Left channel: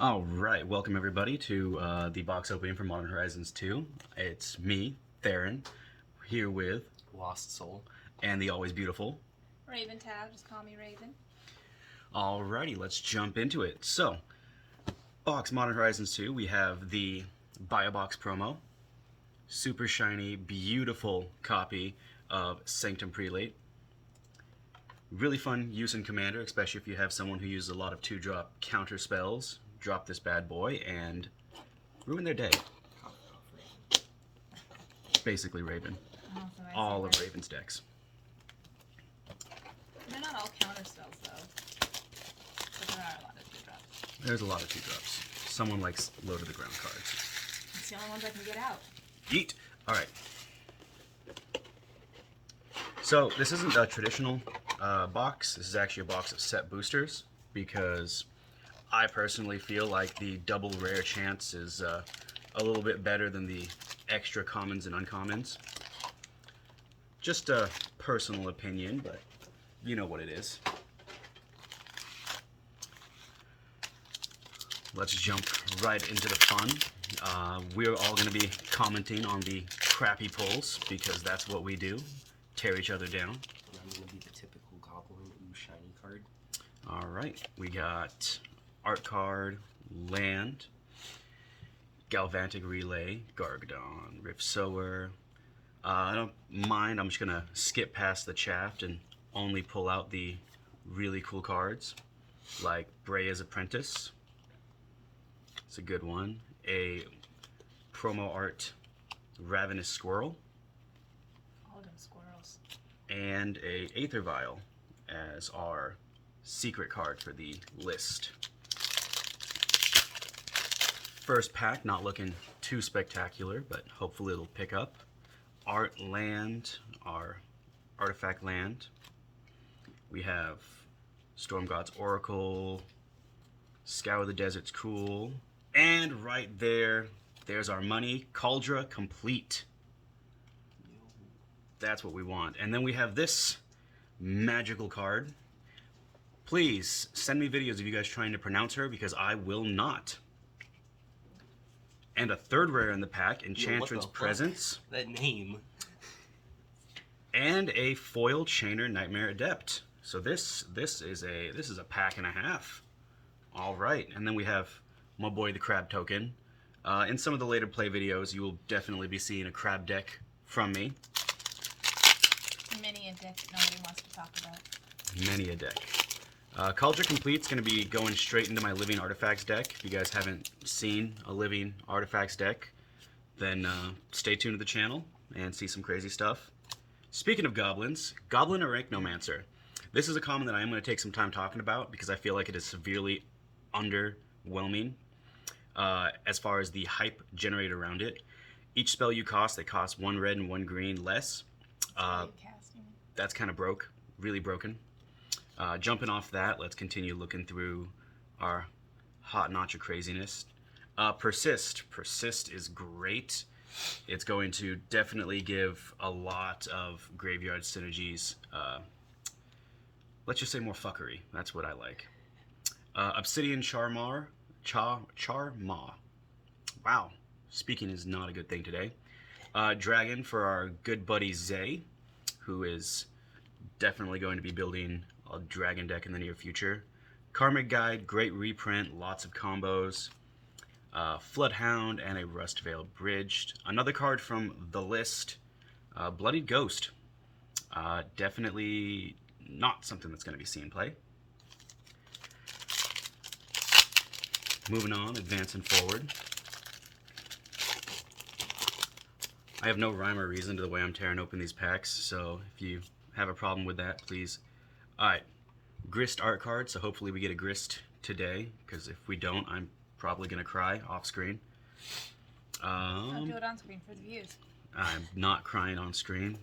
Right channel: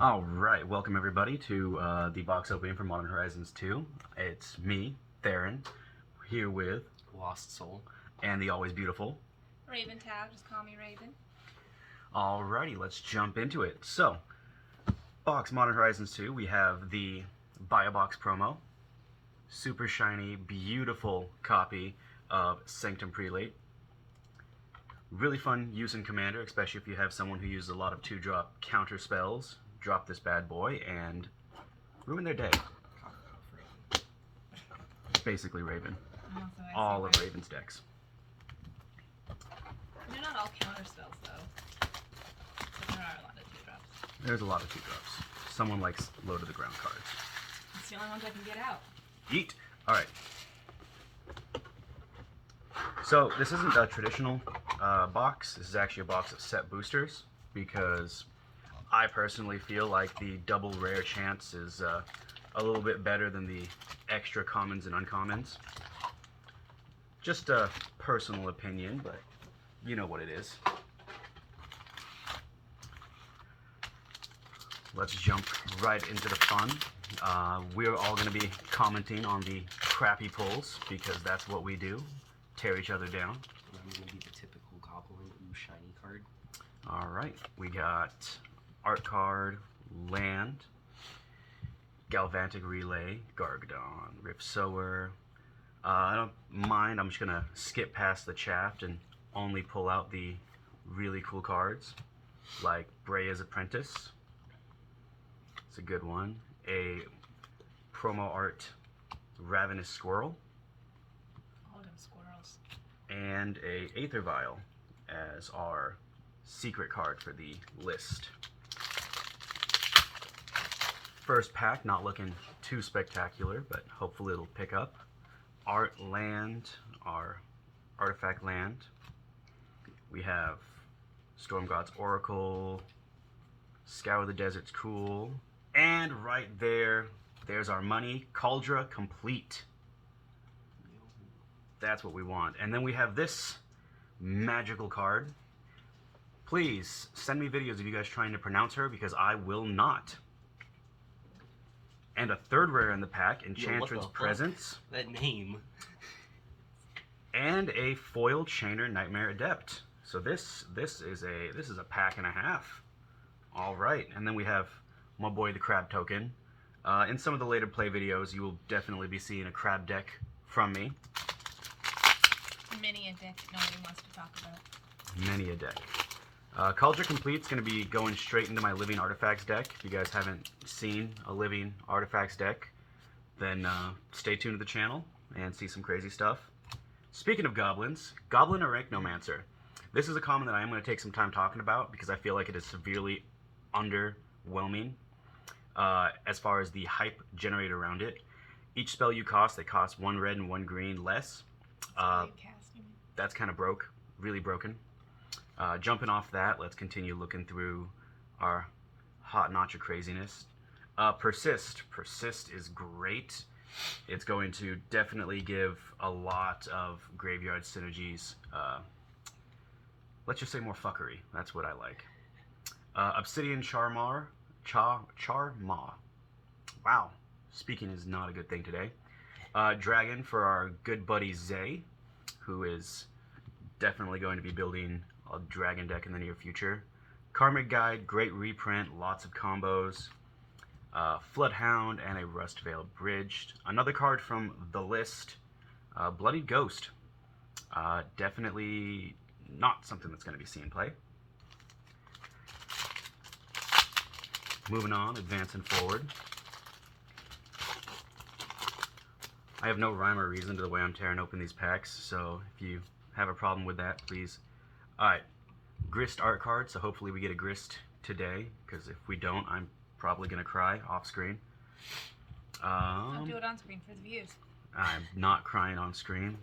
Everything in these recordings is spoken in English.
Alright, welcome everybody to the box opening for Modern Horizons 2. It's me, Theron, here with Lost Soul and the always beautiful Raven Tab, just call me Raven. Alrighty, let's jump into it. So, box Modern Horizons 2, we have the Buy a Box promo, super shiny, beautiful copy of Sanctum Prelate. Really fun use in Commander, especially if you have someone who uses a lot of 2-drop counter spells. Drop this bad boy and ruin their day. Basically Raven. All of Raven's decks. They're not all counter spells though. But there are a lot of 2-drops. There's a lot of 2-drops. Someone likes low to the ground cards. It's the only ones I can get out. Yeet! Alright. So this isn't a traditional box. This is actually a box of set boosters because I personally feel like the double rare chance is a little bit better than the extra commons and uncommons. Just a personal opinion, but you know what it is. Let's jump right into the fun. We're all going to be commenting on the crappy pulls because that's what we do. Tear each other down. And I'm going to be the typical Goblin Ooh Shiny card. Alright, we got Art Card, Land, Galvantic Relay, Gargadon, Rift Sower. I don't mind, I'm just going to skip past the chaff and only pull out the really cool cards, like Breya's Apprentice. It's a good one. A promo art Ravenous Squirrel. All them squirrels. And a Aether Vial as our secret card for the list. First pack, not looking too spectacular, but hopefully it'll pick up. Art Land, our artifact land. We have Storm God's Oracle, Scour the Desert's Cool, and right there, there's our money, Cauldra Complete. That's what we want. And then we have this magical card. Please send me videos of you guys trying to pronounce her because I will not. And a third rare in the pack, Enchantress Presence. That name. And a foil Chainer Nightmare Adept. So this is a pack and a half. All right, and then we have my boy the Crab Token. In some of the later play videos, you will definitely be seeing a crab deck from me. Many a deck that nobody wants to talk about. Many a deck. Cauldra Complete's going to be going straight into my Living Artifacts deck. If you guys haven't seen a Living Artifacts deck, then stay tuned to the channel and see some crazy stuff. Speaking of goblins, Goblin Arachnomancer. This is a common that I am going to take some time talking about because I feel like it is severely underwhelming as far as the hype generated around it. Each spell you cast, they cost 1 red and 1 green less. That's kind of broke, really broken. Jumping off that, let's continue looking through our hot notch of craziness. Persist. Persist is great. It's going to definitely give a lot of graveyard synergies. Let's just say more fuckery. That's what I like. Obsidian Charma. Wow. Speaking is not a good thing today. Dragon for our good buddy Zay, who is definitely going to be building a dragon deck in the near future. Karmic Guide, great reprint, lots of combos. Floodhound and a Rustveil Bridged. Another card from the list, Bloodied Ghost. Definitely not something that's going to be seen play. Moving on, advancing forward. I have no rhyme or reason to the way I'm tearing open these packs, so if you have a problem with that, please. Alright, Grist art card, so hopefully we get a Grist today, because if we don't, I'm probably going to cry off screen. Don't do it on screen for the views. I'm not crying on screen.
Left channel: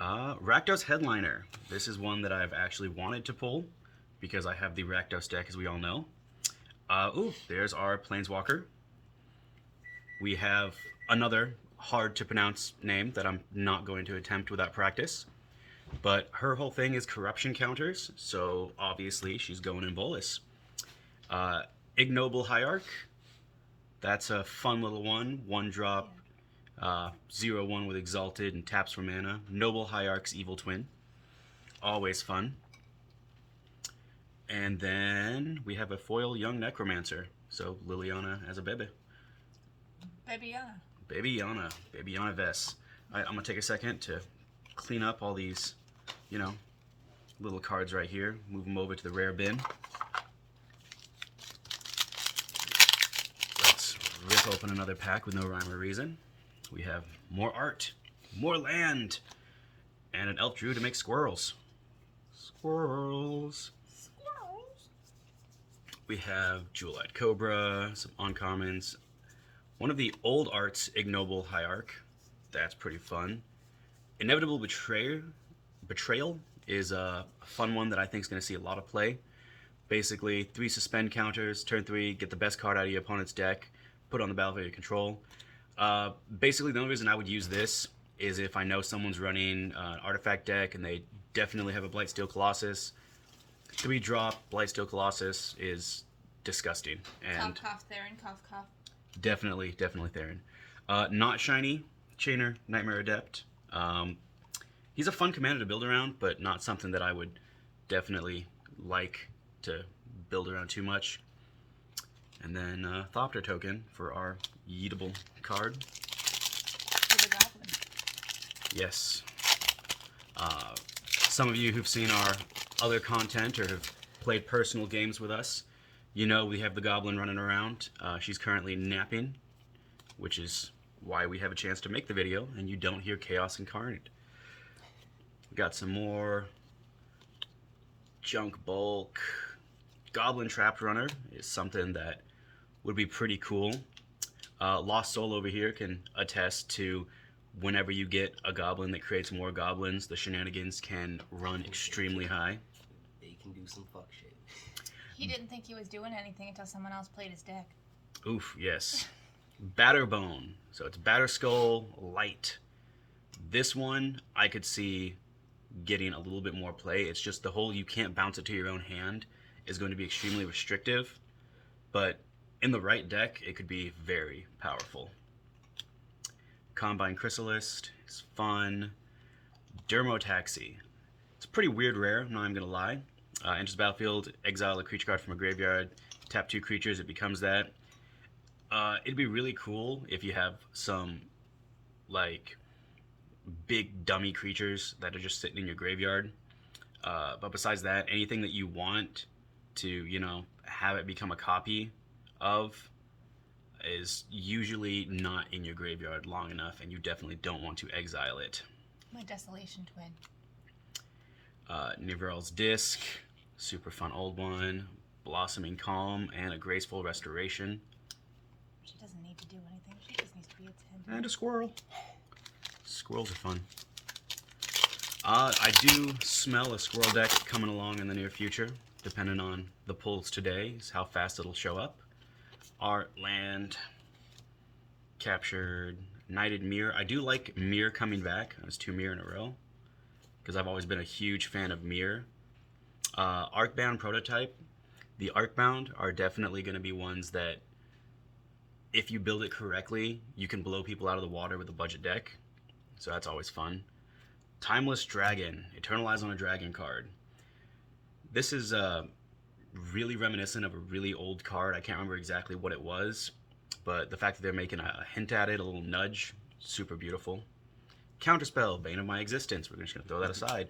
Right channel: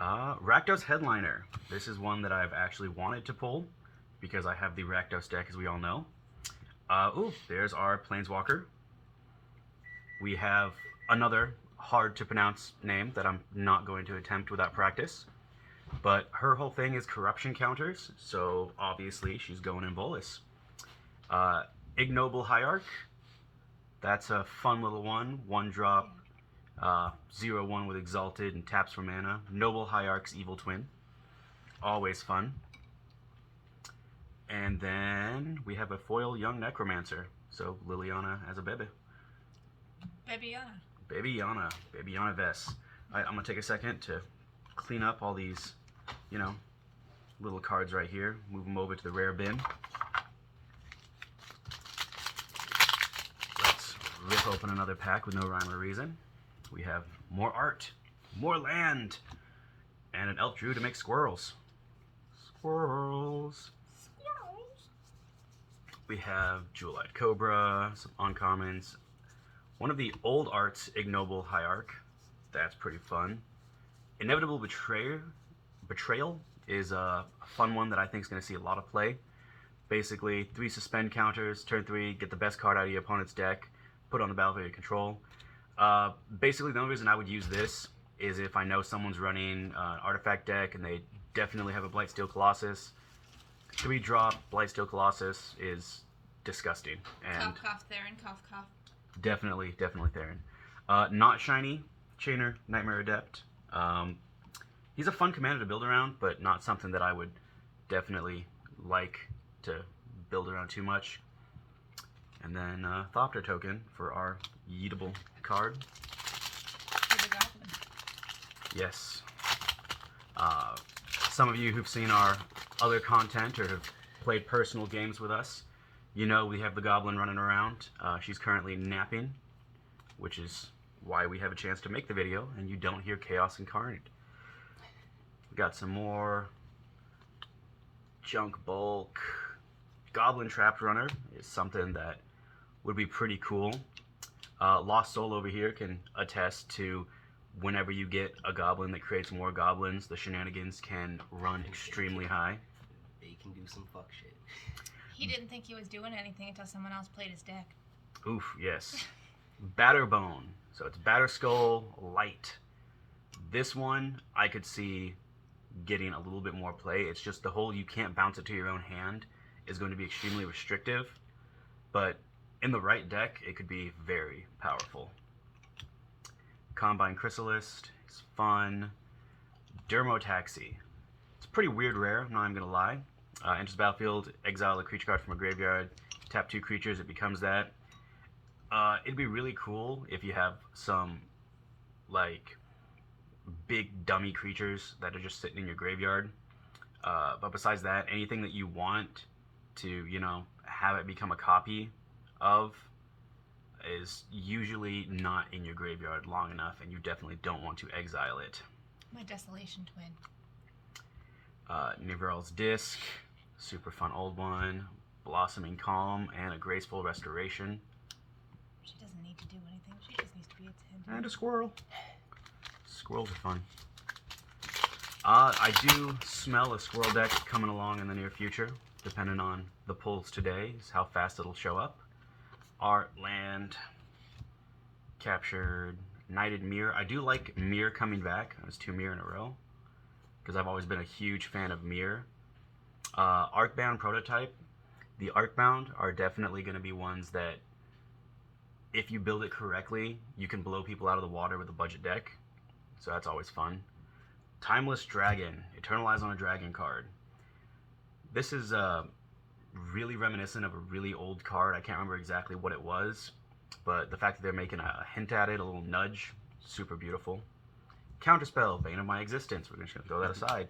Rakdos Headliner. This is one that I've actually wanted to pull, because I have the Rakdos deck, as we all know. Ooh, there's our Planeswalker. We have another hard to pronounce name that I'm not going to attempt without practice. But her whole thing is corruption counters, so obviously she's going in Volus. Ignoble Hierarch. That's a fun little one. 1-drop, 0/1 with Exalted and taps for mana. Noble Hierarch's Evil Twin. Always fun. And then we have a foil Young Necromancer. So Liliana as a baby. Babyana. Babyana. Babyana Vess. I'm going to take a second to clean up all these, you know, little cards right here. Move them over to the rare bin. Let's rip open another pack with no rhyme or reason. We have more art, more land, and an elf druid to make squirrels. Squirrels. We have Jewel-Eyed Cobra, some uncommons. One of the old arts, Ignoble Hierarch. That's pretty fun. Inevitable Betrayal is a fun one that I think is going to see a lot of play. Basically, 3 suspend counters, turn 3, get the best card out of your opponent's deck, put it on the battlefield of your control. Basically, the only reason I would use this is if I know someone's running an artifact deck and they definitely have a Blightsteel Colossus. 3-drop Blightsteel Colossus is disgusting. And Cough, cough, Theron, cough, cough. definitely Theron. Not shiny, Chainer, Nightmare Adept. He's a fun commander to build around, but not something that I would definitely like to build around too much. And then Thopter token for our yeetable card. For the goblin. Yes. Some of you who've seen our other content or have played personal games with us, you know we have the goblin running around. She's currently napping, which is why we have a chance to make the video and you don't hear Chaos Incarnate. We got some more junk bulk. Goblin Trapped Runner is something that would be pretty cool. Lost Soul over here can attest to whenever you get a goblin that creates more goblins, the shenanigans can run extremely high. They can do some fuck shit. He didn't think he was doing anything until someone else played his deck. Oof, yes. Batterbone. So it's Batterskull Light. This one I could see getting a little bit more play. It's just the whole you can't bounce it to your own hand is going to be extremely restrictive. But in the right deck, it could be very powerful. Combine Chrysalis is fun. Dermotaxi. It's a pretty weird rare, I'm not even going to lie. Enters battlefield, exile a creature card from a graveyard, tap 2 creatures, it becomes that. It'd be really cool if you have some, like, big dummy creatures that are just sitting in your graveyard. But besides that, anything that you want to, you know, have it become a copy of is usually not in your graveyard long enough, and you definitely don't want to exile it. My Desolation Twin. Nivrel's Disc, super fun old one. Blossoming Calm, and a Graceful Restoration. She doesn't need to do anything. She just needs to be attentive. And a squirrel. Squirrels are fun. I do smell a squirrel deck coming along in the near future, depending on the pulls today, is how fast it'll show up. Art, land, captured, Knighted Mirror. I do like Mirror coming back. That was 2 Mirror in a row, because I've always been a huge fan of Mirror. Arcbound Prototype. The Arcbound are definitely going to be ones that, if you build it correctly, you can blow people out of the water with a budget deck. So that's always fun. Timeless Dragon. Eternalize on a Dragon card. This is really reminiscent of a really old card. I can't remember exactly what it was, but the fact that they're making a hint at it, a little nudge, super beautiful. Counterspell, Bane of My Existence. We're just going to throw that aside.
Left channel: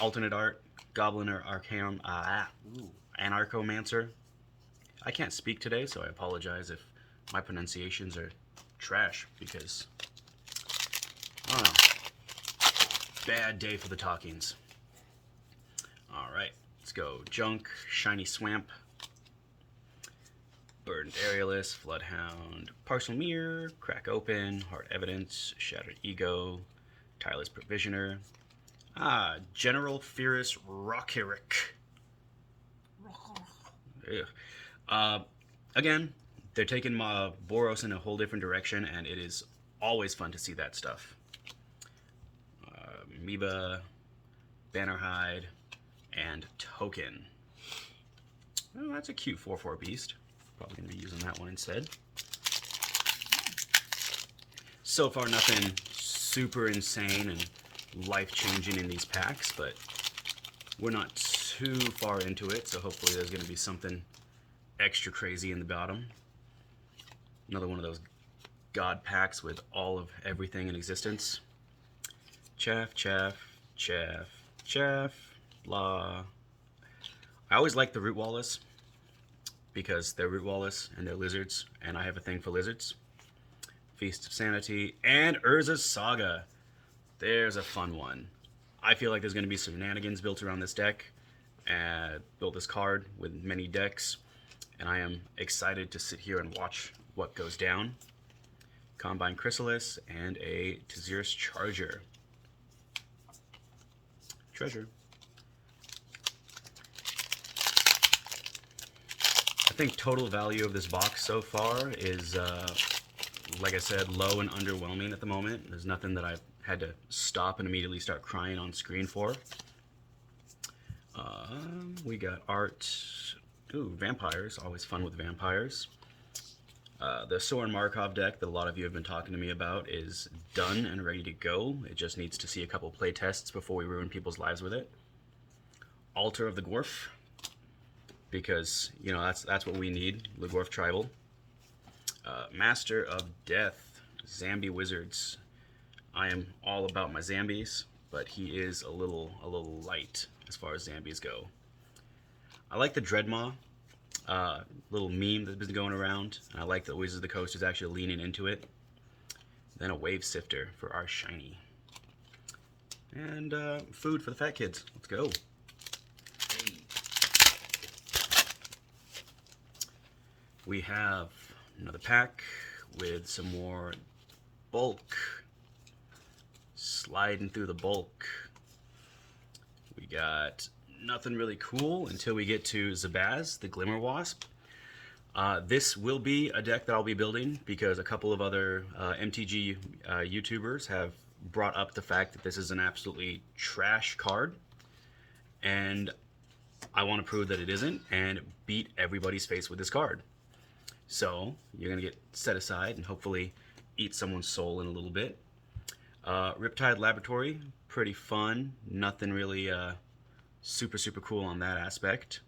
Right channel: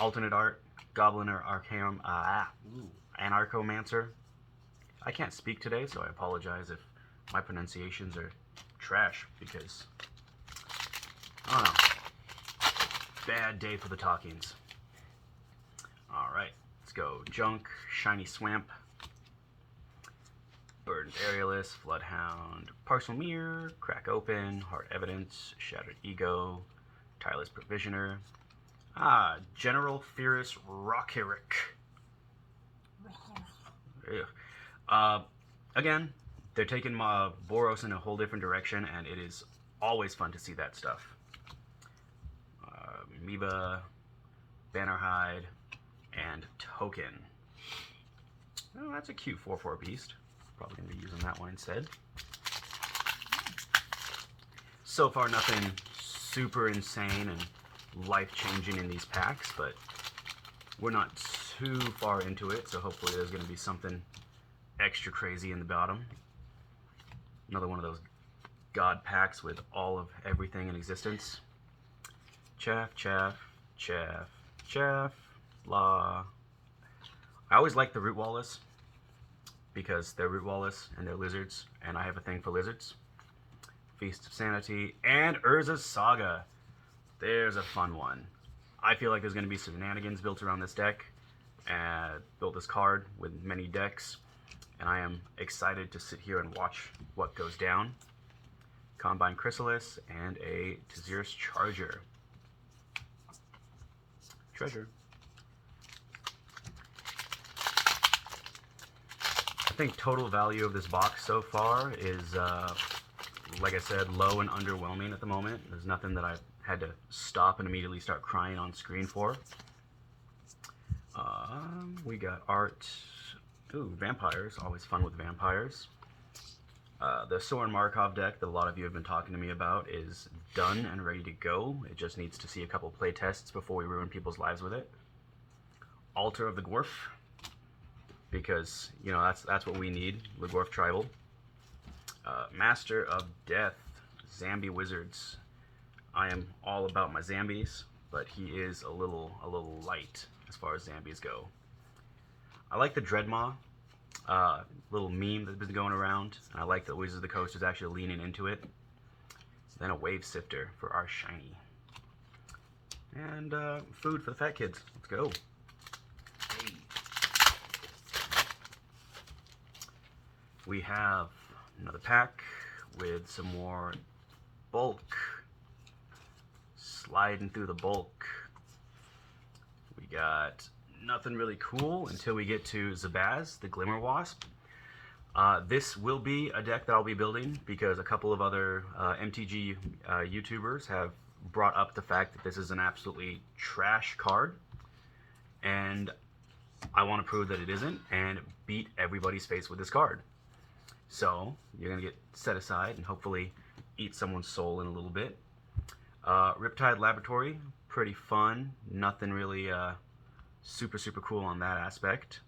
Alternate art, Goblin or Arcanum, Anarchomancer. I can't speak today, so I apologize if my pronunciations are trash, because, I don't know. Bad day for the talkings. Alright, let's go. Junk, Shiny Swamp, Burdened Aerialist, Floodhound, Parcel Mirror, Crack Open, Heart Evidence, Shattered Ego, Tireless Provisioner, General Fierce Rockerick. Again, they're taking Boros in a whole different direction, and it is always fun to see that stuff. Amoeba, Bannerhide, and Token. Oh, that's a cute 4/4 beast. Probably going to be using that one instead. So far, nothing super insane and life-changing in these packs, but we're not too far into it, so hopefully there's going to be something extra crazy in the bottom. Another one of those god packs with all of everything in existence. Chaff, chaff, chaff, chaff, blah. I always like the Root Wallace because they're Root Wallace and they're lizards, and I have a thing for lizards. Feast of Sanity and Urza's Saga. There's a fun one. I feel like there's going to be some shenanigans built around this deck. Built this card with many decks, and I am excited to sit here and watch what goes down. Combine Chrysalis and a Tazirus Charger. Treasure. I think total value of this box so far is, like I said, low and underwhelming at the moment. There's nothing that I've had to stop and immediately start crying on screen for. We got art. Ooh, vampires. Always fun with vampires. The Soren Markov deck that a lot of you have been talking to me about is done and ready to go. It just needs to see a couple play tests before we ruin people's lives with it. Altar of the Gorf, because you know that's what we need. The Gorf Tribal. Master of Death, Zambi Wizards. I am all about my Zambis, but he is a little light as far as Zambis go. I like the Dreadmaw. Little meme that's been going around. I like that Wizards of the Coast is actually leaning into it. Then a Wave Sifter for our shiny. And food for the fat kids. Let's go. Hey. We have another pack with some more bulk. Sliding through the bulk. We got nothing really cool until we get to Zabaz, the Glimmer Wasp. This will be a deck that I'll be building because a couple of other MTG YouTubers have brought up the fact that this is an absolutely trash card, and I want to prove that it isn't and beat everybody's face with this card. So you're going to get set aside and hopefully eat someone's soul in a little bit. Riptide Laboratory, pretty fun. Nothing really super cool on that aspect.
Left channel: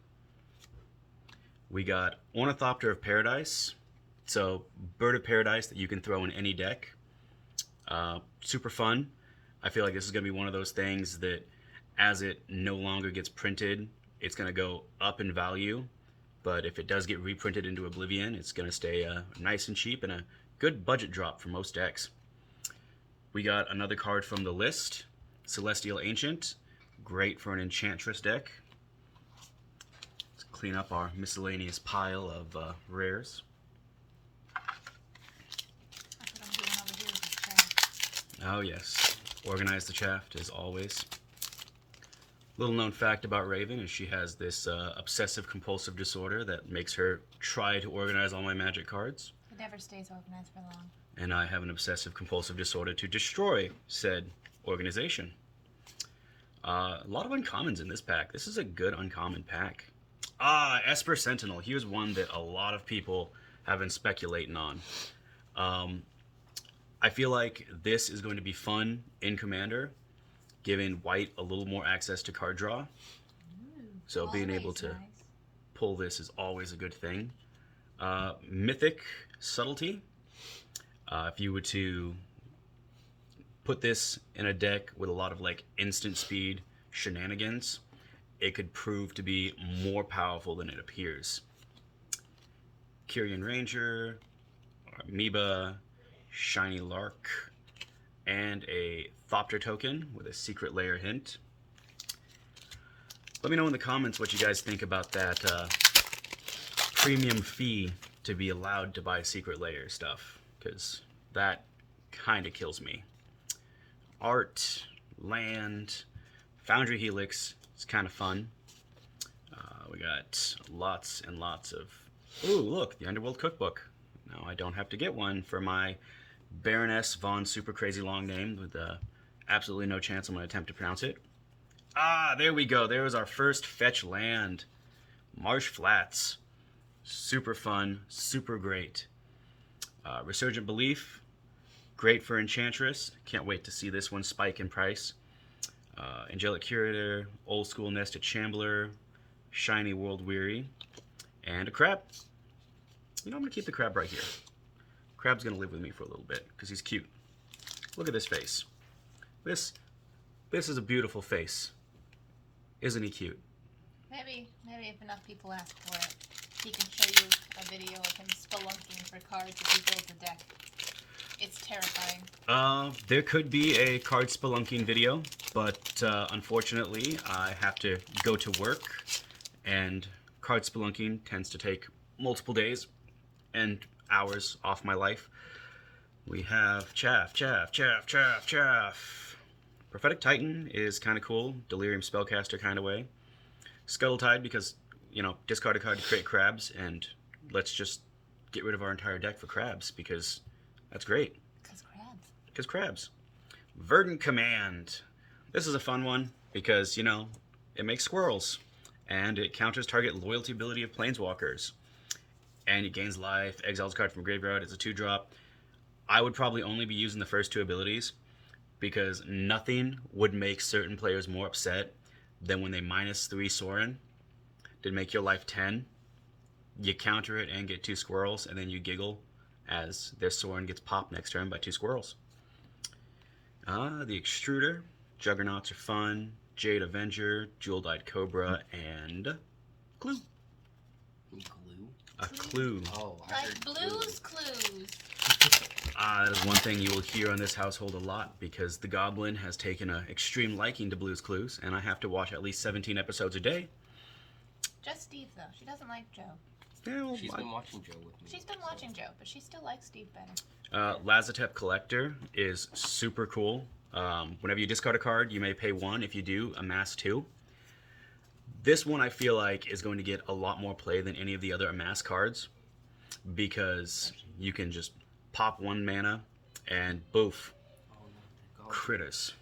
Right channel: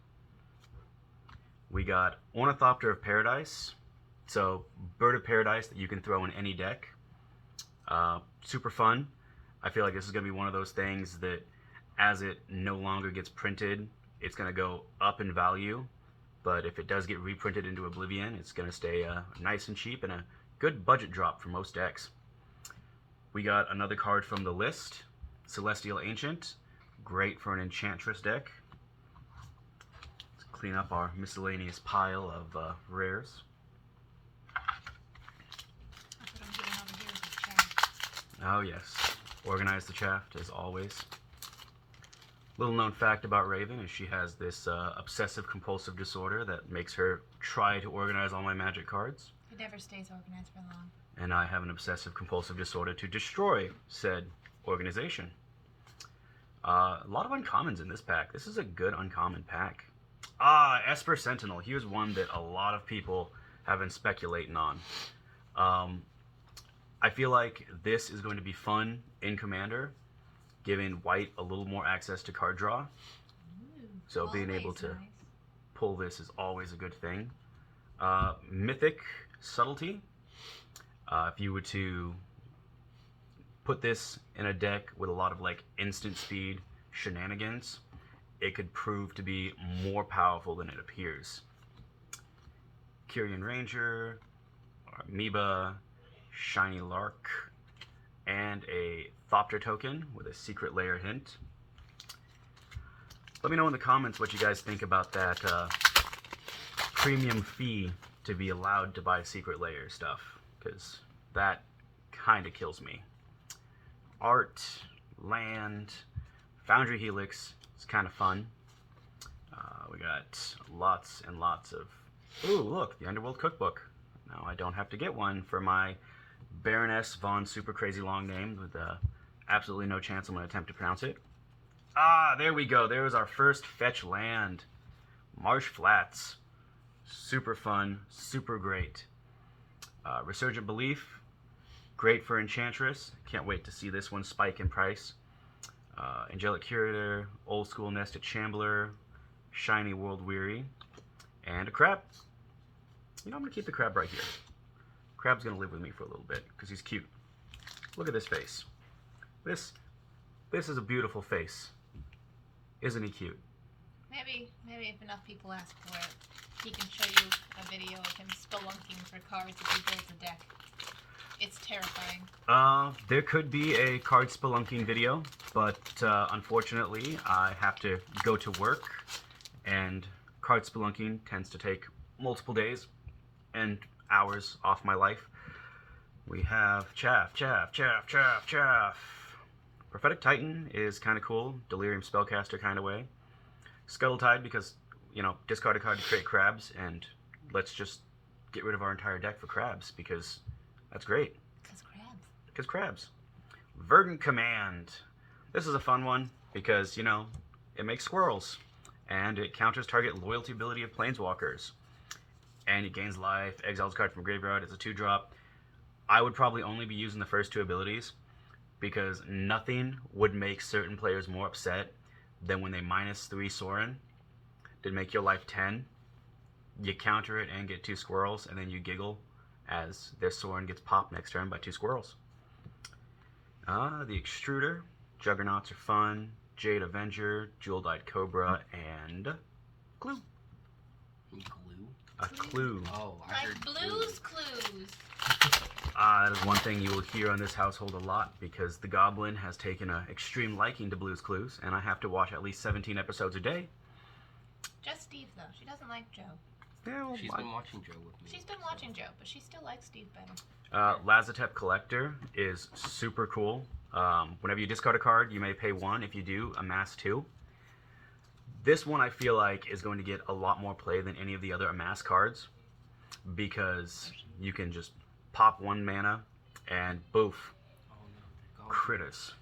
We got Ornithopter of Paradise. So Bird of Paradise that you can throw in any deck. Super fun. I feel like this is going to be one of those things that as it no longer gets printed, it's going to go up in value. But if it does get reprinted into Oblivion, it's going to stay nice and cheap and a good budget drop for most decks. We got another card from the list, Celestial Ancient. Great for an Enchantress deck. Let's clean up our miscellaneous pile of rares. That's what I'm doing over here with this chair. Oh yes, organize the chaff as always. Little known fact about Raven is she has this obsessive compulsive disorder that makes her try to organize all my Magic cards. It never stays organized for long. And I have an obsessive compulsive disorder to destroy said organization. A lot of uncommons in this pack. This is a good uncommon pack. Esper Sentinel. Here's one that a lot of people have been speculating on. I feel like this is going to be fun in Commander, giving white a little more access to card draw. Ooh, So being able always to nice. pull this is always a good thing. Mythic Subtlety. If you were to put this in a deck with a lot of like instant speed shenanigans, it could prove to be more powerful than it appears. Kyrian Ranger, Amoeba, Shiny Lark, and a Thopter token with a secret layer hint. Let me know in the comments what you guys think about that premium fee to be allowed to buy secret layer stuff, because that kind of kills me. Art, land, Foundry Helix is kind of fun. We got lots and lots of... Ooh, look, the Underworld Cookbook. Now I don't have to get one for my Baroness Von super crazy long name with absolutely no chance I'm going to attempt to pronounce it. There we go. There was our first fetch land. Marsh Flats. Super fun, super great. Resurgent Belief. Great for Enchantress. Can't wait to see this one spike in price. Angelic Curator. Old School Nested Shambler. Shiny World Weary. And a crab. You know, I'm going to keep the crab right here. Crab's going to live with me for a little bit because he's cute. Look at this face. This is a beautiful face. Isn't he cute? Maybe if enough people ask for it, he can show you a video of him spelunking for cards if he builds a deck. It's terrifying. There could be a card spelunking video, but unfortunately I have to go to work, and card spelunking tends to take multiple days and hours off my life. We have Chaff. Prophetic Titan is kind of cool, Delirium Spellcaster kind of way. Scuttle Tide because, you know, discard a card to create crabs, and let's just get rid of our entire deck for crabs because that's great. Because crabs. Verdant Command. This is a fun one because, you know, it makes squirrels, and it counters target loyalty ability of planeswalkers. And it gains life, exiles a card from graveyard. It's a 2-drop. I would probably only be using the first 2 abilities because nothing would make certain players more upset than when they -3 Sorin to make your life 10. You counter it and get 2 squirrels, and then you giggle as their Sorin gets popped next turn by 2 squirrels. The Extruder. Juggernauts are fun. Jade Avenger, Jewel-Dyed Cobra, and Clue. Glue? A clue. Oh, I Like heard Blue's Clues. That is one thing you will hear on this household a lot because the Goblin has taken an extreme liking to Blue's Clues, and I have to watch at least 17 episodes a day. Just Steve, though. She doesn't like Joe. She's been watching Joe with me. She's been watching Joe, but she still likes Steve better. Lazotep Collector is super cool. Whenever you discard a card, you may pay 1. If you do, amass 2. This one I feel like is going to get a lot more play than any of the other amass cards because you can just pop 1 mana and boof. Critters.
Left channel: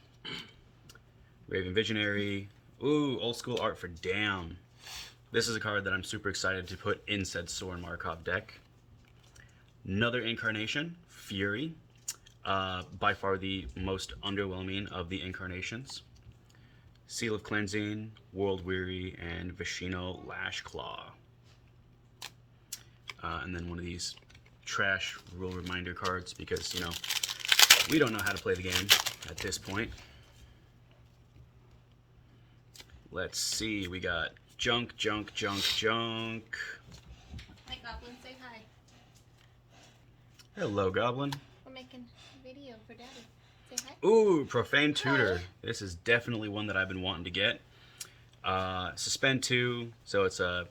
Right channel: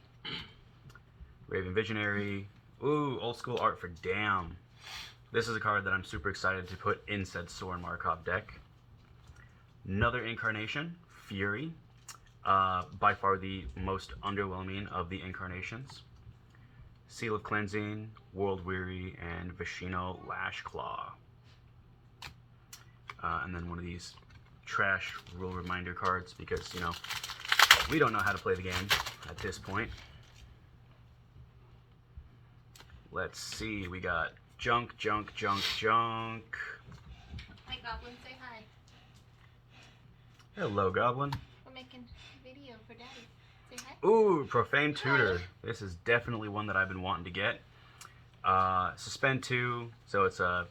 Raven Visionary. Ooh, old school art for Damn. This is a card that I'm super excited to put in said Sorin Markov deck. Another incarnation, Fury. By far the most underwhelming of the incarnations. Seal of Cleansing, World Weary, and Vishino Lashclaw. And then one of these trash rule reminder cards because, you know, we don't know how to play the game at this point. Let's see, we got Junk. Hey, Goblin, say hi. Hello, Goblin. We're making a video for Daddy. Say hi. Ooh, Profane Tutor. This is definitely one that I've been wanting to get. Suspend 2, so it's a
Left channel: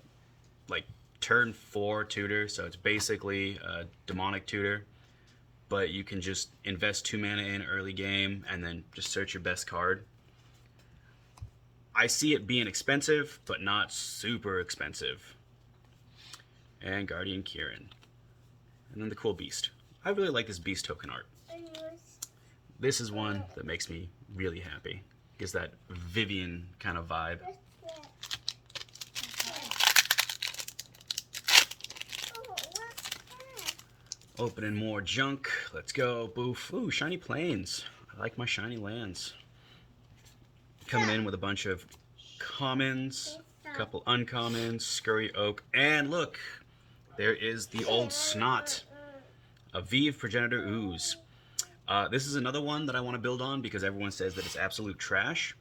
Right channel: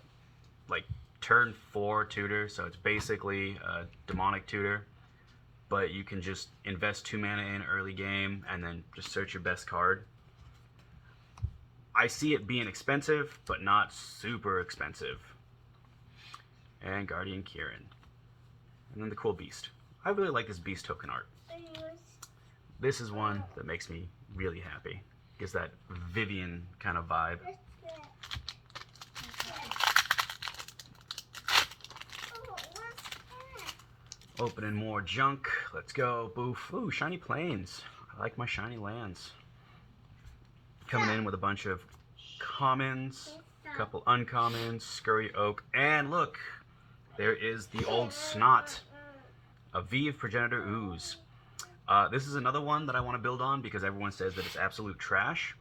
like turn 4 tutor, so it's basically a demonic tutor, but you can just invest 2 mana in early game and then just search your best card. I see it being expensive, but not super expensive. And Guardian Kieran. And then the cool Beast. I really like this Beast token art. This is one that makes me really happy. Gives that Vivian kind of vibe. Opening more junk. Let's go. Boof. Ooh, Shiny Plains. I like my shiny lands. Coming in with a bunch of commons, a couple uncommons, Scurry Oak, and look, there is the old Snot. Aviv Progenitor Ooze. This is another one that I want to build on because everyone says that it's absolute trash.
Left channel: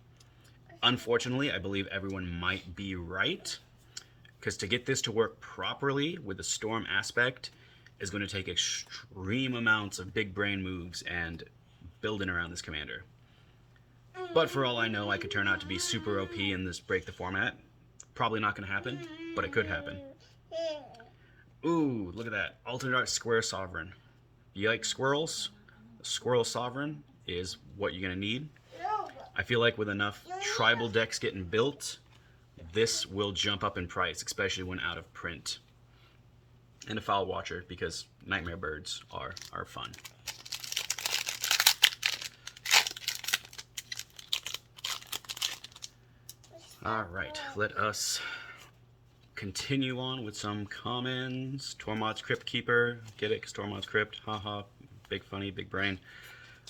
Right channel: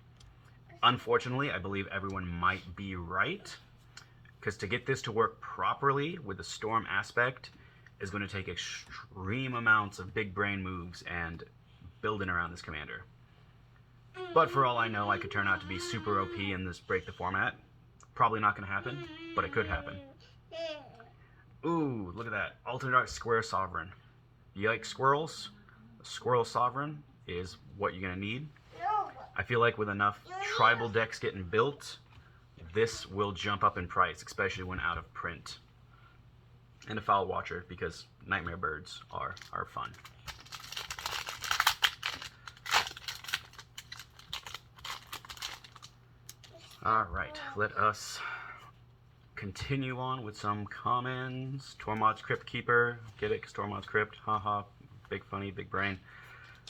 Unfortunately, I believe everyone might be right, because to get this to work properly with the Storm aspect is going to take extreme amounts of big brain moves and building around this commander. But for all I know, I could turn out to be super OP and just break the format. Probably not going to happen, but it could happen. Ooh, look at that. Alternate Art Square Sovereign. You like squirrels? Squirrel Sovereign is what you're going to need. I feel like with enough tribal decks getting built, this will jump up in price, especially when out of print. And a Foul Watcher, because Nightmare Birds are fun. Alright, let us continue on with some commons. Tormod's Crypt Keeper. Get it? Because Tormod's Crypt. Haha. Big funny, big brain.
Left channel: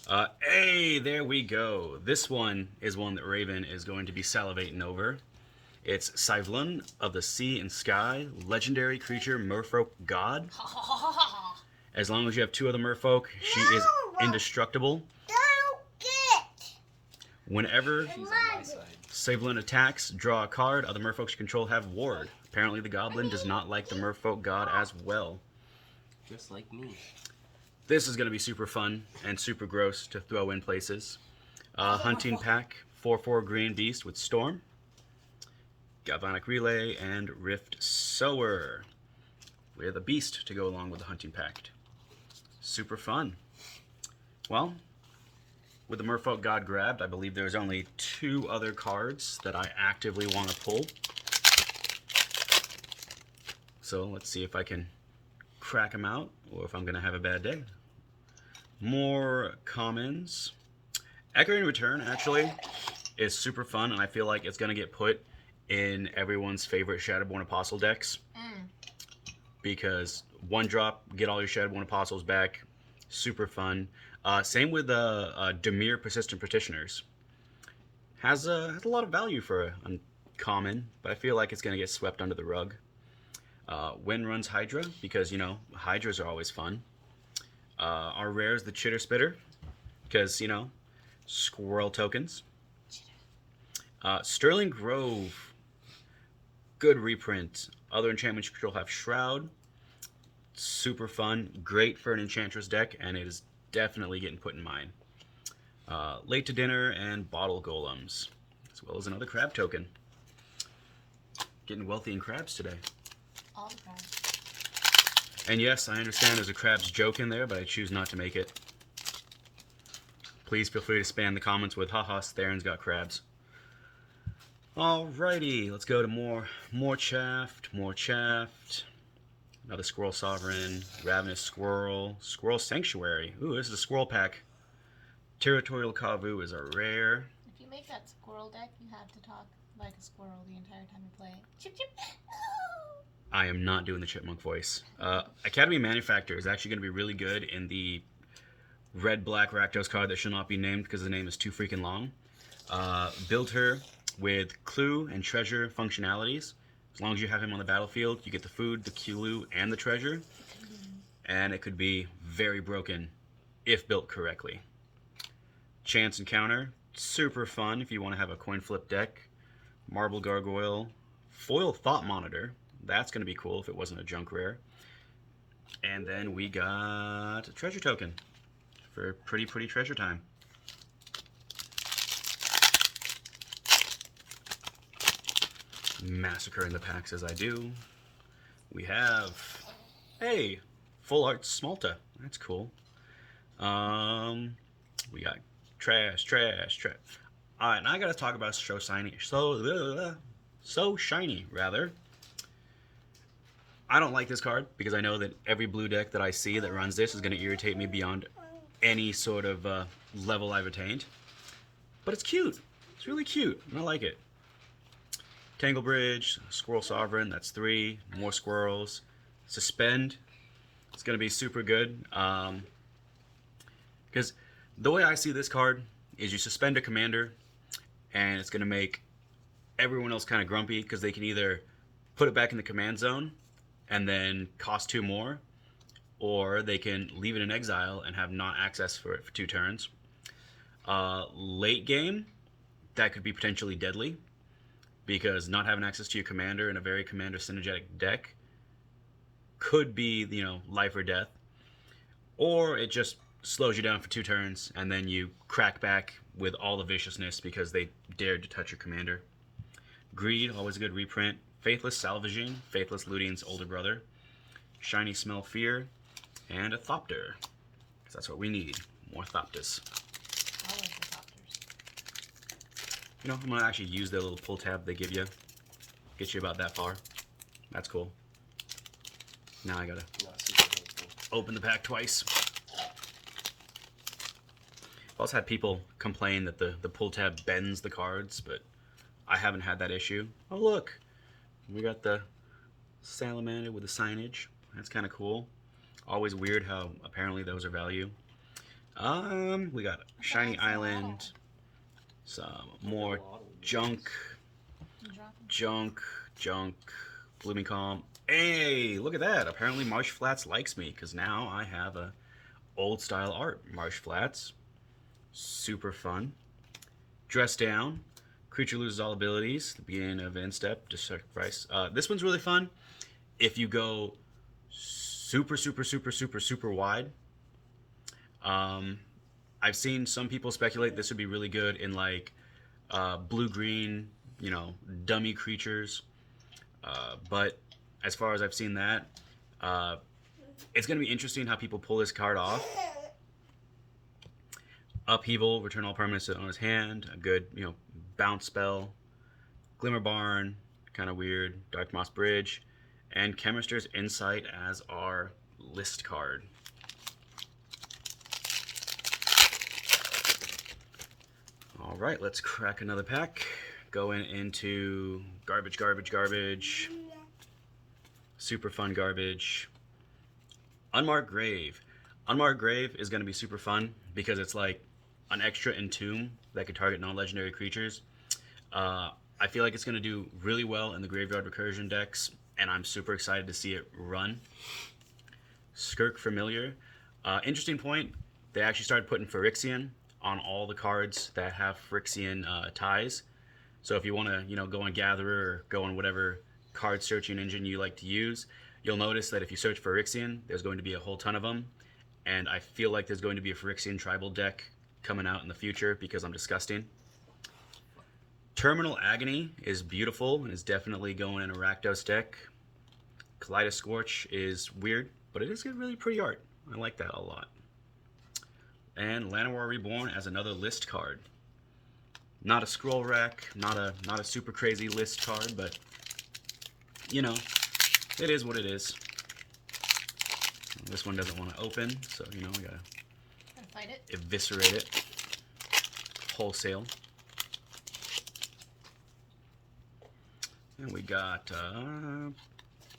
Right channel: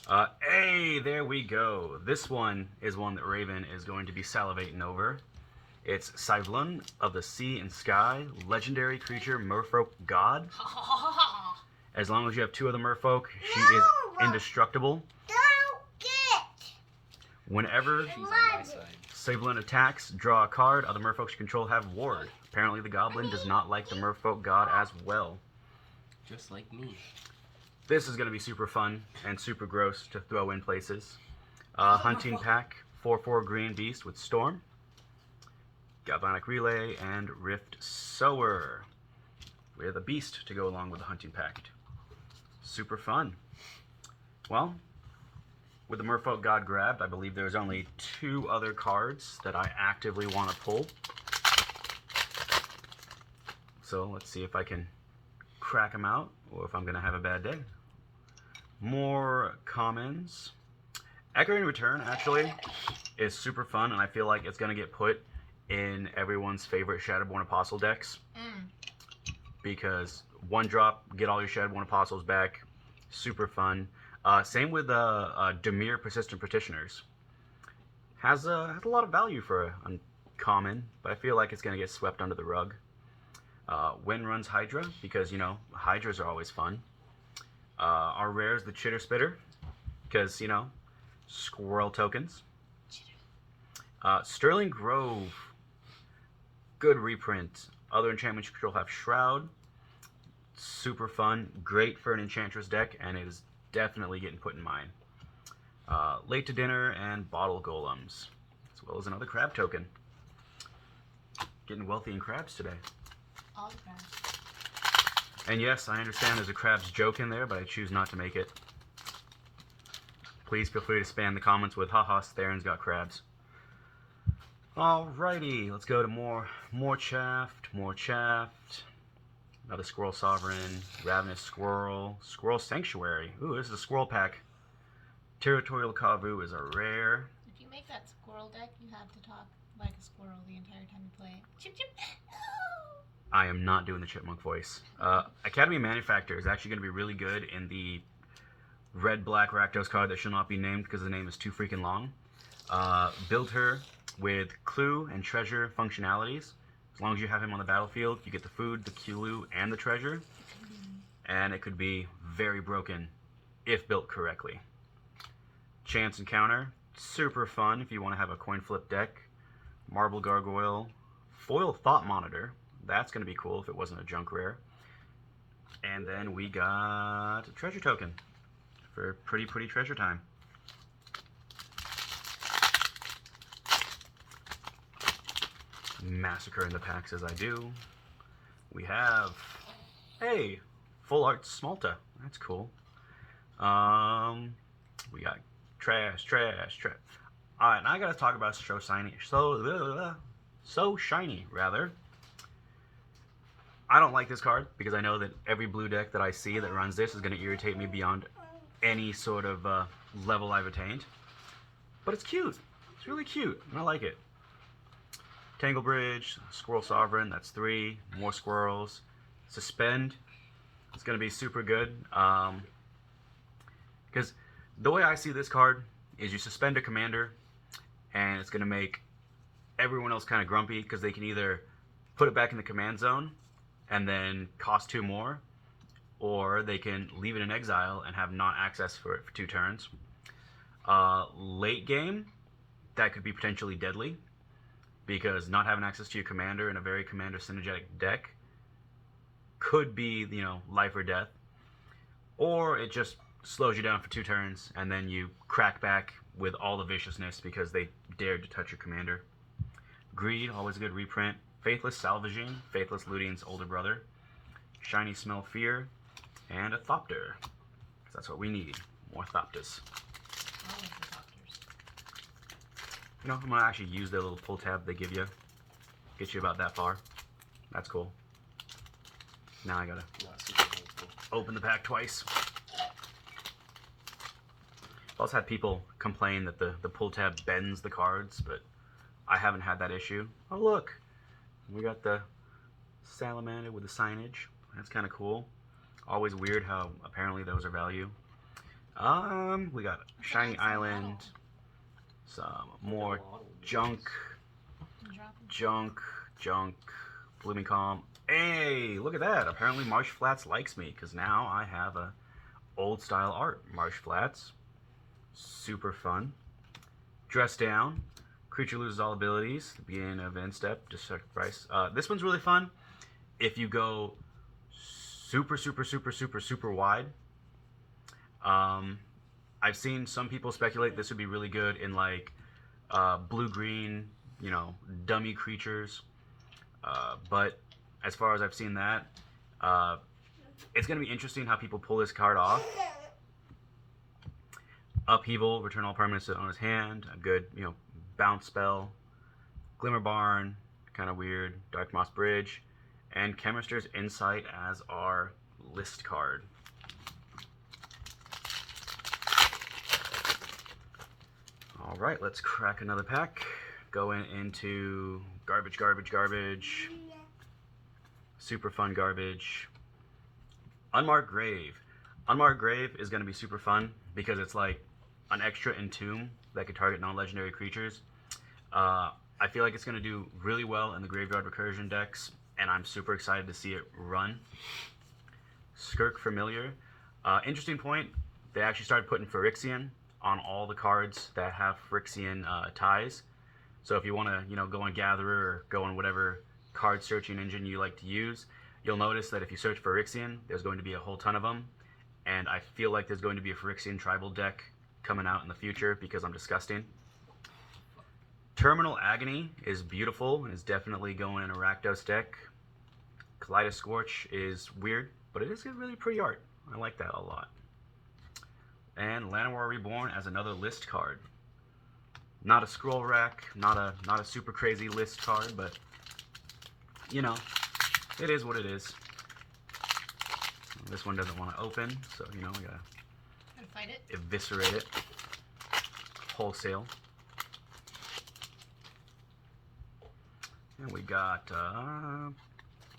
Hey, there we go. This one is one that Raven is going to be salivating over. It's Sivlun of the Sea and Sky, legendary creature, merfolk god. As long as you have 2 of the merfolk, she is indestructible. Whenever She's on my side. Sivlun attacks, draw a card. Other merfolks you control have ward. Apparently the goblin does not like the merfolk god as well. Just like me. This is going to be super fun and super gross to throw in places. Hunting pack, 4/4 green beast with Storm, Galvanic Relay, and Rift Sower. We have a beast to go along with the hunting pact. Super fun. Well, with the merfolk god grabbed, I believe there's only 2 other cards that I actively want to pull. So let's see if I can crack them out or if I'm going to have a bad day. More commons. Echoing Return actually is super fun, and I feel like it's going to get put in everyone's favorite Shadowborn Apostle decks. Because 1-drop, get all your Shadowborn Apostles back. Super fun. Same with Dimir Persistent Petitioners. Has a lot of value for a common, but I feel like it's going to get swept under the rug. Wind Runs Hydra, because, you know, Hydras are always fun. Our rare is the Chitter Spitter, because, you know, squirrel tokens. Sterling Grove, good reprint. Other enchantments you control have Shroud. Super fun, great for an Enchantress deck, and it is definitely getting put in mine. Late to Dinner and Bottle Golems, as well as another crab token. Getting wealthy in crabs today. All the crabs. And yes, I understand there's a crabs joke in there, but I choose not to make it. Please feel free to spam the comments with haha, Theron's got crabs. Alrighty, let's go to more chaffed. Another Squirrel Sovereign, Ravenous Squirrel, Squirrel Sanctuary. Ooh, this is a squirrel pack. Territorial Kavu is a rare. If you make that squirrel deck, you have to talk like a squirrel the entire time you play it. Chip chip. I am not doing the chipmunk voice. Academy Manufactor is actually going to be really good in the red-black Rakdos card that shall not be named because the name is too freaking long. Build her with clue and treasure functionalities. As long as you have him on the battlefield, you get the food, the clue, and the treasure. And it could be very broken if built correctly. Chance Encounter, super fun if you want to have a coin flip deck. Marble Gargoyle, Foil Thought Monitor. That's going to be cool if it wasn't a junk rare. And then we got a treasure token for pretty treasure time. Massacre in the packs as I do. We have, hey, Full Art Smalta. That's cool. We got trash. Alright, now I gotta talk about So Shiny, rather. I don't like this card because I know that every blue deck that I see that runs this is going to irritate me beyond any sort of level I've attained. But it's cute. It's really cute, and I like it. Tangle Bridge, Squirrel Sovereign, that's 3. More squirrels. Suspend. It's going to be super good. Because the way I see this card is you suspend a commander, and it's going to make everyone else kind of grumpy because they can either put it back in the command zone and then cost 2 more, or they can leave it in exile and have not access for it for 2 turns. Late game, that could be potentially deadly, because not having access to your commander in a very commander synergetic deck could be, you know, life or death. Or it just slows you down for 2 turns, and then you crack back with all the viciousness because they dared to touch your commander. Greed, always a good reprint. Faithless Salvaging, Faithless Looting's older brother. Shiny Smell Fear, and a Thopter. Because that's what we need. More Thopters. All of the doctors. You know, I'm going to actually use their little pull tab they give you. Get you about that far. That's cool. Now I gotta open the pack twice. I've also had people complain that the pull tab bends the cards, but I haven't had that issue. Oh look, we got the salamander with the signage. That's kind of cool. Always weird how apparently those are value. We got Shiny Island, some more junk, Blooming Calm. Hey, look at that. Apparently Marsh Flats likes me because now I have a old style art. Marsh Flats. Super fun. Dress Down. Creature loses all abilities. The beginning of end step. Just sacrifice. This one's really fun. If you go super wide. I've seen some people speculate this would be really good in like blue-green, you know, dummy creatures. But as far as I've seen that, it's going to be interesting how people pull this card off. Upheaval, return all permanents on his hand. A good, you know, bounce spell. Glimmer Barn, kind of weird. Dark Moss Bridge. And Chemister's Insight as our list card. All right, let's crack another pack. Going into garbage. Super fun garbage. Unmarked Grave. Unmarked Grave is going to be super fun because it's like an extra entomb that could target non-legendary creatures. I feel like it's going to do really well in the Graveyard Recursion decks, and I'm super excited to see it run. Skirk Familiar. Interesting point, they actually started putting Phyrexian on all the cards that have Phyrexian ties. So if you want to, you know, go on Gatherer or go on whatever card searching engine you like to use, you'll notice that if you search Phyrexian, there's going to be a whole ton of them. And I feel like there's going to be a Phyrexian tribal deck coming out in the future because I'm disgusting. Terminal Agony is beautiful and is definitely going in a Rakdos deck. Kaleidoscorch is weird, but it is really pretty art. I like that a lot. And Llanowar Reborn as another list card. Not a scroll rack, not a super crazy list card, but you know, it is what it is. This one doesn't want to open, so you know we gotta fight it. Eviscerate it wholesale. And we got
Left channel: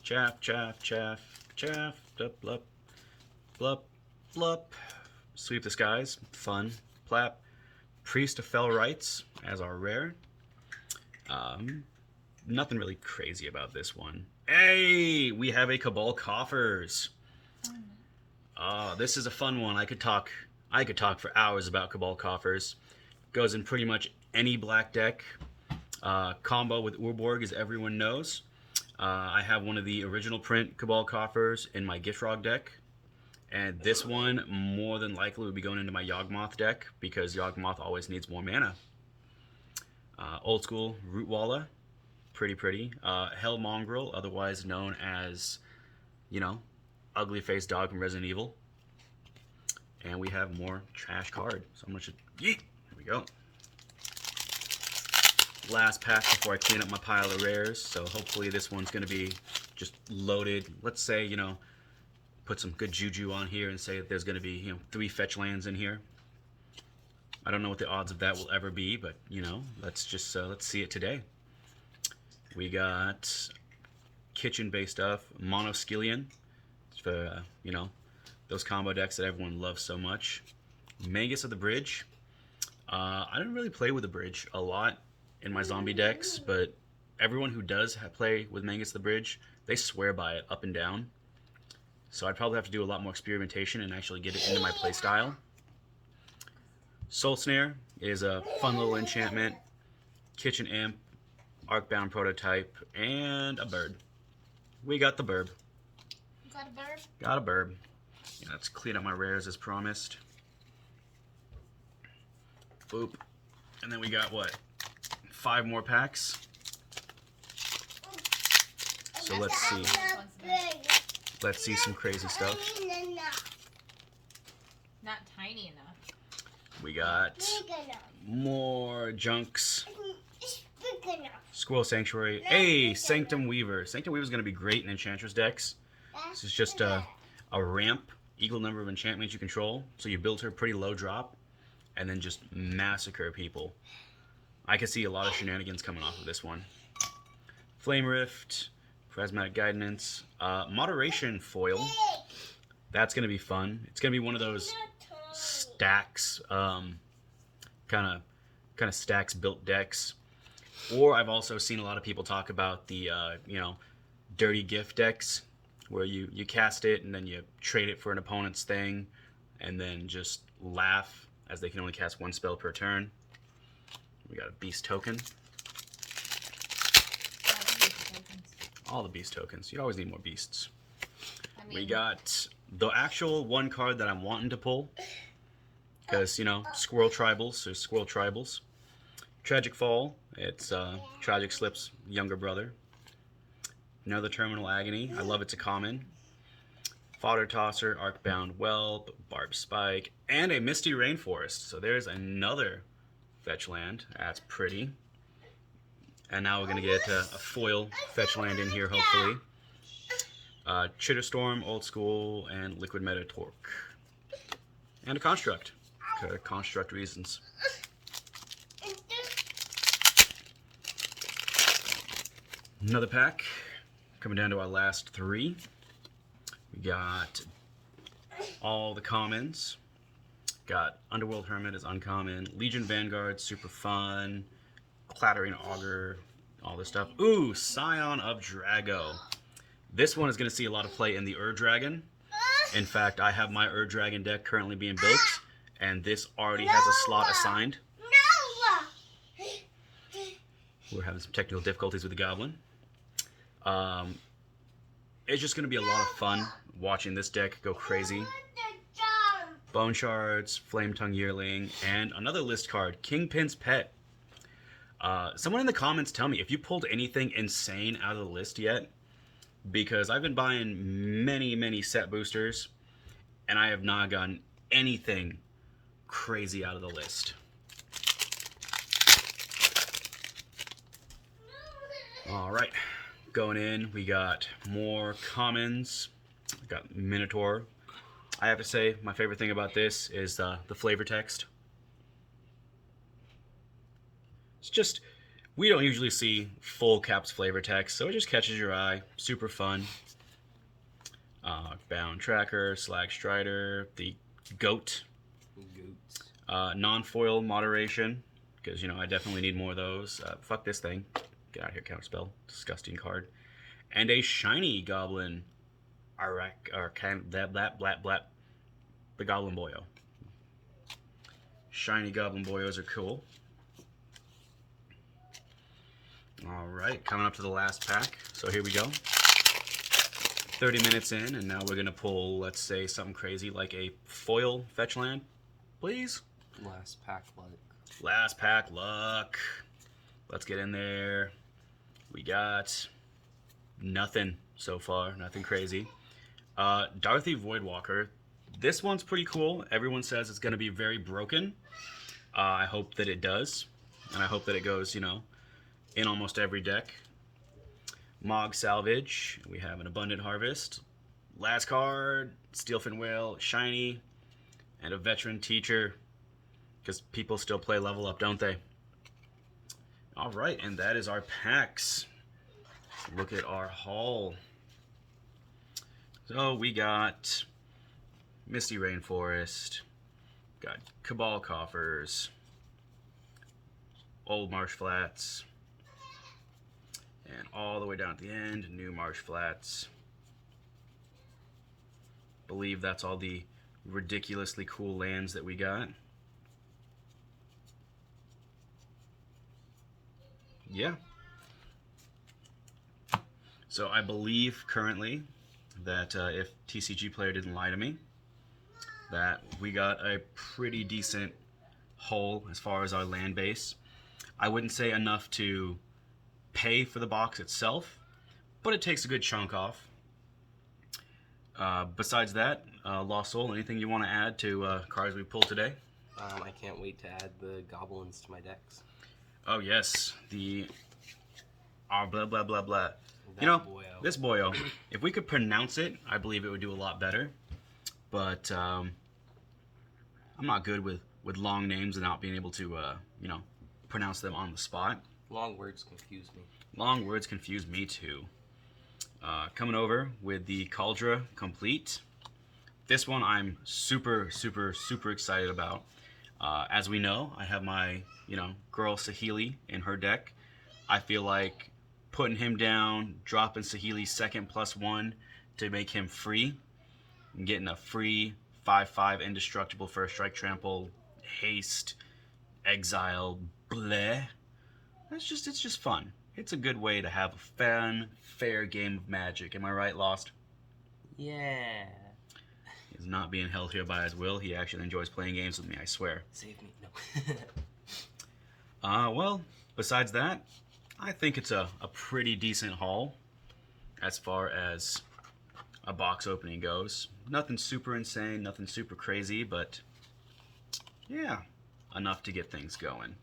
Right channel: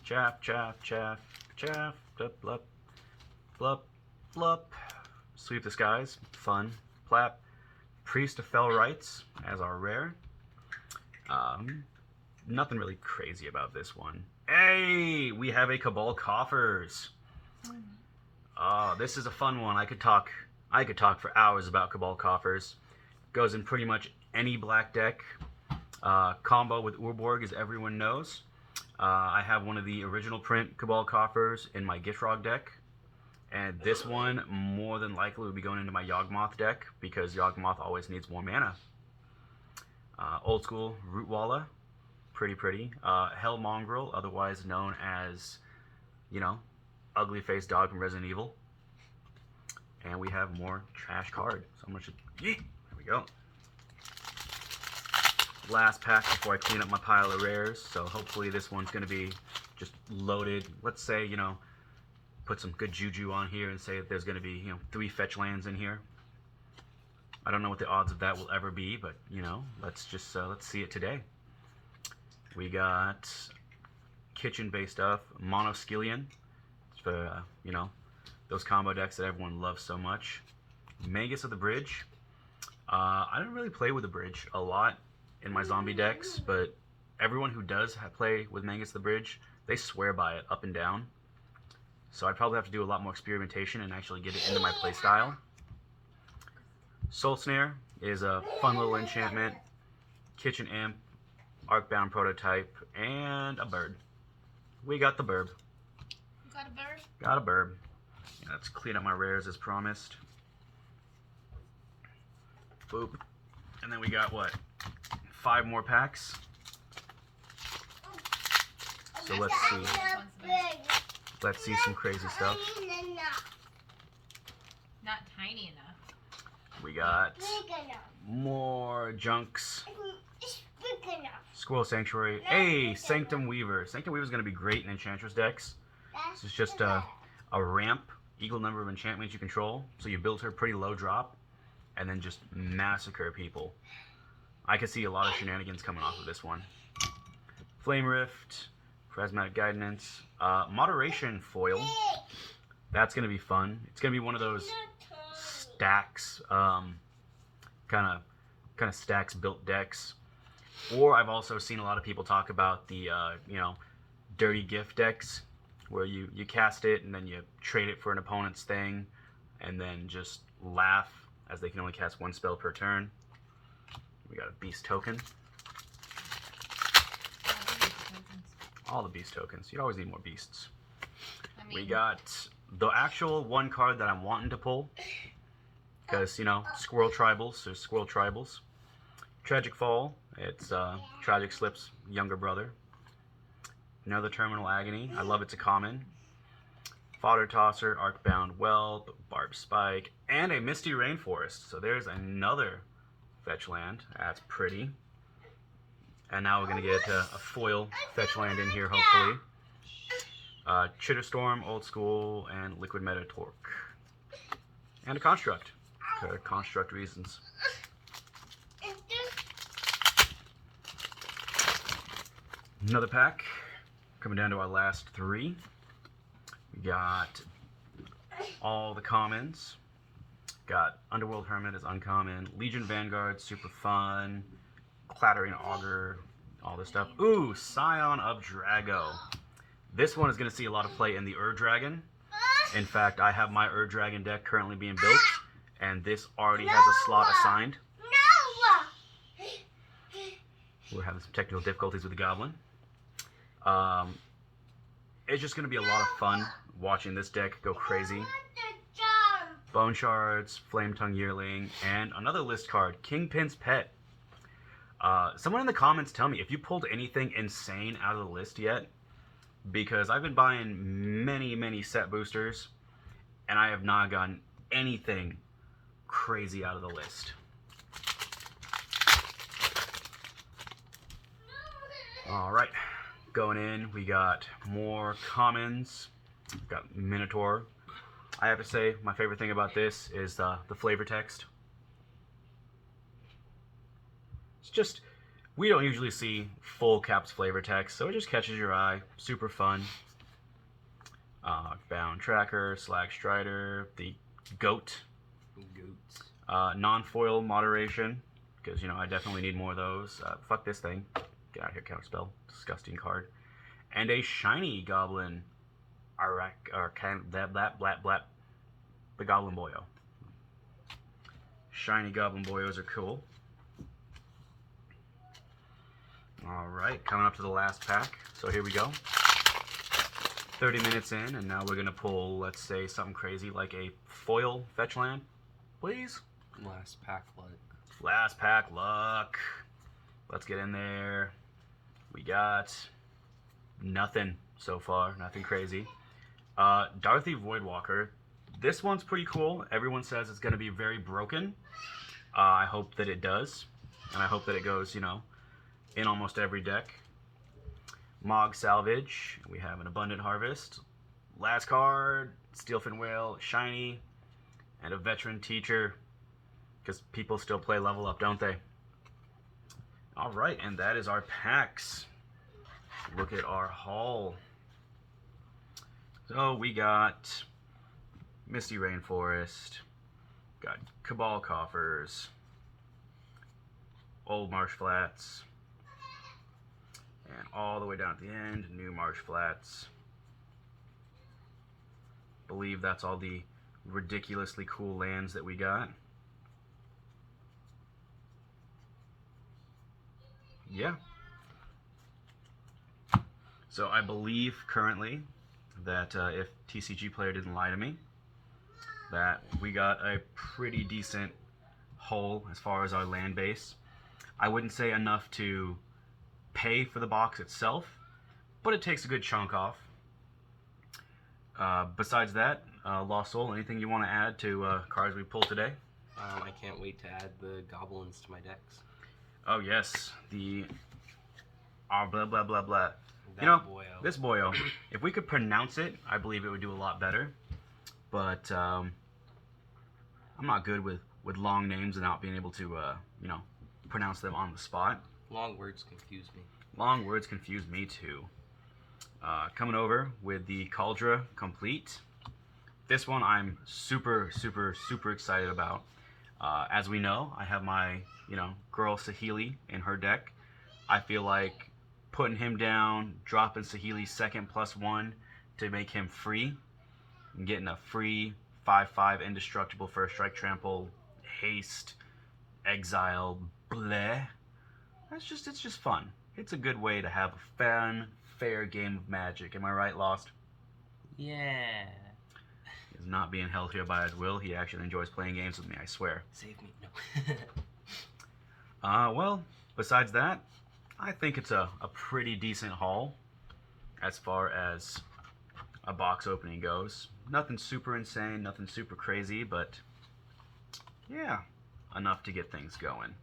chaff, blup, blup. Sweep the Skies, fun. Plap. Priest of Fell Rites as our rare. Nothing really crazy about this one. Hey, we have a Cabal Coffers. This is a fun one. I could talk for hours about Cabal Coffers. Goes in pretty much any black deck. Combo with Urborg, as everyone knows. I have one of the original print Cabal Coffers in my Giftfrog deck. And this one, more than likely, would be going into my Yawgmoth deck, because Yawgmoth always needs more mana. Old school Rootwalla, pretty. Hell Mongrel, otherwise known as, you know, Ugly Face Dog from Resident Evil. And we have more trash card. So I'm gonna just, yeet, there we go. Last pack before I clean up my pile of rares. So hopefully this one's gonna be just loaded. Let's say, you know, put some good juju on here and say that there's going to be, you know, 3 fetch lands in here. I don't know what the odds of that will ever be, but, you know, let's just, let's see it today. We got kitchen-based stuff, Monoskillion, for, you know, those combo decks that everyone loves so much. Magus of the Bridge. I don't really play with the Bridge a lot in my zombie decks, but everyone who does play with Magus of the Bridge, they swear by it up and down. So I'd probably have to do a lot more experimentation and actually get it into my playstyle. Soul Snare is a fun little enchantment. Kitchen Imp, Arcbound Prototype, and a bird. We got the burb. You got a bird? Got a burb. Yeah, let's clean up my rares as promised. Boop. And then we got, what, 5 more packs? So let's see. Let's see some crazy stuff. Not tiny enough. We got more junks. Squirrel Sanctuary. Hey, Sanctum Weaver. Sanctum Weaver is going to be great in Enchantress decks. This is just a ramp, equal number of enchantments you control. So you build her pretty low drop, and then just massacre people. I can see a lot of shenanigans coming off of this one. Flame Rift. Prismatic Guidance. Moderation foil. That's going to be fun. It's going to be one of those stacks, kind of stacks built decks. Or I've also seen a lot of people talk about the, dirty gift decks, where you cast it and then you trade it for an opponent's thing, and then just laugh as they can only cast one spell per turn. We got a beast token. All the beast tokens. You always need more beasts. We got the actual one card that I'm wanting to pull, because squirrel tribals. There's squirrel tribals. Tragic Fall. It's Tragic Slip's younger brother. Another Terminal Agony. I love it's a common. Fodder Tosser, Arcbound Whelp, Barb Spike, and a Misty Rainforest. So there's another fetch land. That's pretty. And now we're going to get a foil fetch land in here, hopefully. Chitterstorm, Old School, and Liquid Meta Torque. And a Construct. Construct reasons. Another pack. Coming down to our last three. We got all the commons. Got Underworld Hermit is uncommon. Legion Vanguard, super fun. Clattering Augur, all this stuff. Ooh, Scion of Drago. This one is going to see a lot of play in the Dragon. In fact, I have my Dragon deck currently being built, and this already has a slot assigned. We're having some technical difficulties with the Goblin. It's just going to be a lot of fun watching this deck go crazy. Bone Shards, Flame Tongue Yearling, and another list card, Kingpin's Pet. Someone in the comments tell me if you pulled anything insane out of the list yet, because I've been buying many set boosters, and I have not gotten anything crazy out of the list. Alright, going in, we got more commons. We got Minotaur. I have to say, my favorite thing about this is the flavor text. It's just, we don't usually see full caps flavor text, so it just catches your eye. Super fun. Bound Tracker, Slag Strider, the Goat. Non-foil Moderation, because, I definitely need more of those. Fuck this thing. Get out of here, counterspell. Disgusting card. And a shiny Goblin. The Goblin Boyo. Shiny Goblin Boyos are cool. Alright, coming up to the last pack. So here we go. 30 minutes in, and now we're going to pull, let's say, something crazy like a foil fetch land. Please? Last pack luck. Last pack luck. Let's get in there. We got nothing so far. Nothing crazy. Darthy Voidwalker. This one's pretty cool. Everyone says it's going to be very broken. I hope that it does. And I hope that it goes, in almost every deck. Mog Salvage. We have an Abundant Harvest. Last card, Steelfin Whale, Shiny, and a Veteran Teacher. Because people still play level up, don't they? Alright, and that is our packs. Look at our haul. So we got Misty Rainforest, got Cabal Coffers, Old Marsh Flats, and all the way down at the end, New Marsh Flats. Believe that's all the ridiculously cool lands that we got. Yeah. So I believe currently that if TCG Player didn't lie to me, that we got a pretty decent haul as far as our land base. I wouldn't say enough to pay for the box itself, but it takes a good chunk off. Besides that, Lost Soul, anything you want to add to cards we pulled today? I can't wait to add the goblins to my decks. Oh yes, the blah blah blah blah. Boyo. This boyo. If we could pronounce it, I believe it would do a lot better. But I'm not good with long names and not being able to pronounce them on the spot. Long words confuse me. Long words confuse me too. Coming over with the Cauldron Complete. This one I'm super excited about. As we know, I have my, girl Saheeli in her deck. I feel like putting him down, dropping Saheeli's second +1 to make him free, and getting a free 5/5 indestructible first strike trample, haste, exile, bleh. It's just fun. It's a good way to have a fun, fair game of Magic. Am I right, Lost? Yeah. He's not being held here by his will. He actually enjoys playing games with me, I swear. Save me. No. Well, besides that, I think it's a pretty decent haul as far as a box opening goes. Nothing super insane, nothing super crazy, but yeah, enough to get things going.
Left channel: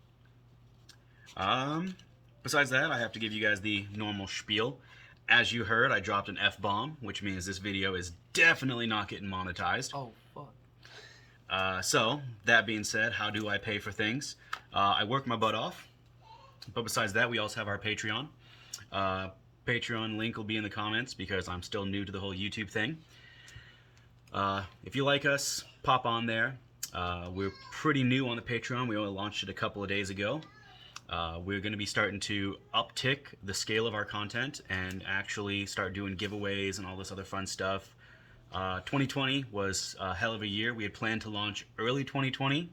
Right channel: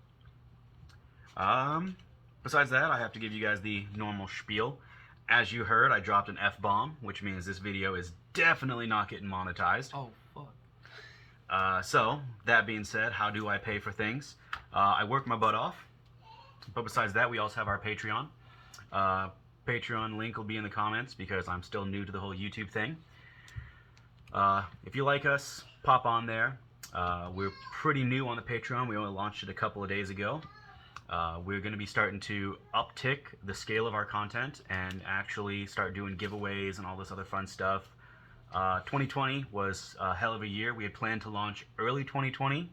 Besides that, I have to give you guys the normal spiel. As you heard, I dropped an F-bomb, which means this video is definitely not getting monetized. Oh, fuck. So, that being said, how do I pay for things? I work my butt off. But besides that, we also have our Patreon. Patreon link will be in the comments because I'm still new to the whole YouTube thing. If you like us, pop on there. We're pretty new on the Patreon. We only launched it a couple of days ago. We're going to be starting to uptick the scale of our content and actually start doing giveaways and all this other fun stuff. 2020 was a hell of a year. We had planned to launch early 2020,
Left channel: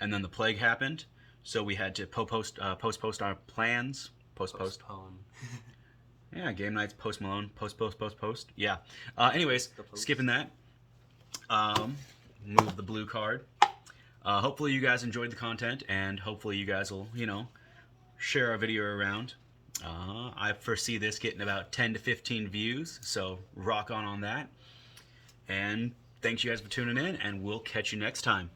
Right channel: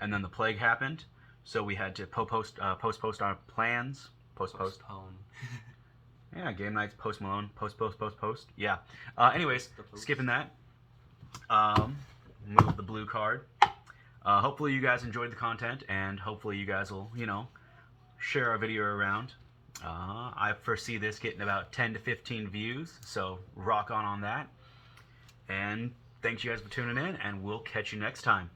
and then the plague happened, so we had to postpone our plans. Postpone. Yeah, game nights, Post Malone, post. Yeah. Anyways, skipping that. Move the blue card. Hopefully you guys enjoyed the content, and hopefully you guys will, share our video around. I foresee this getting about 10 to 15 views, so rock on that. And thanks you guys for tuning in, and we'll catch you next time.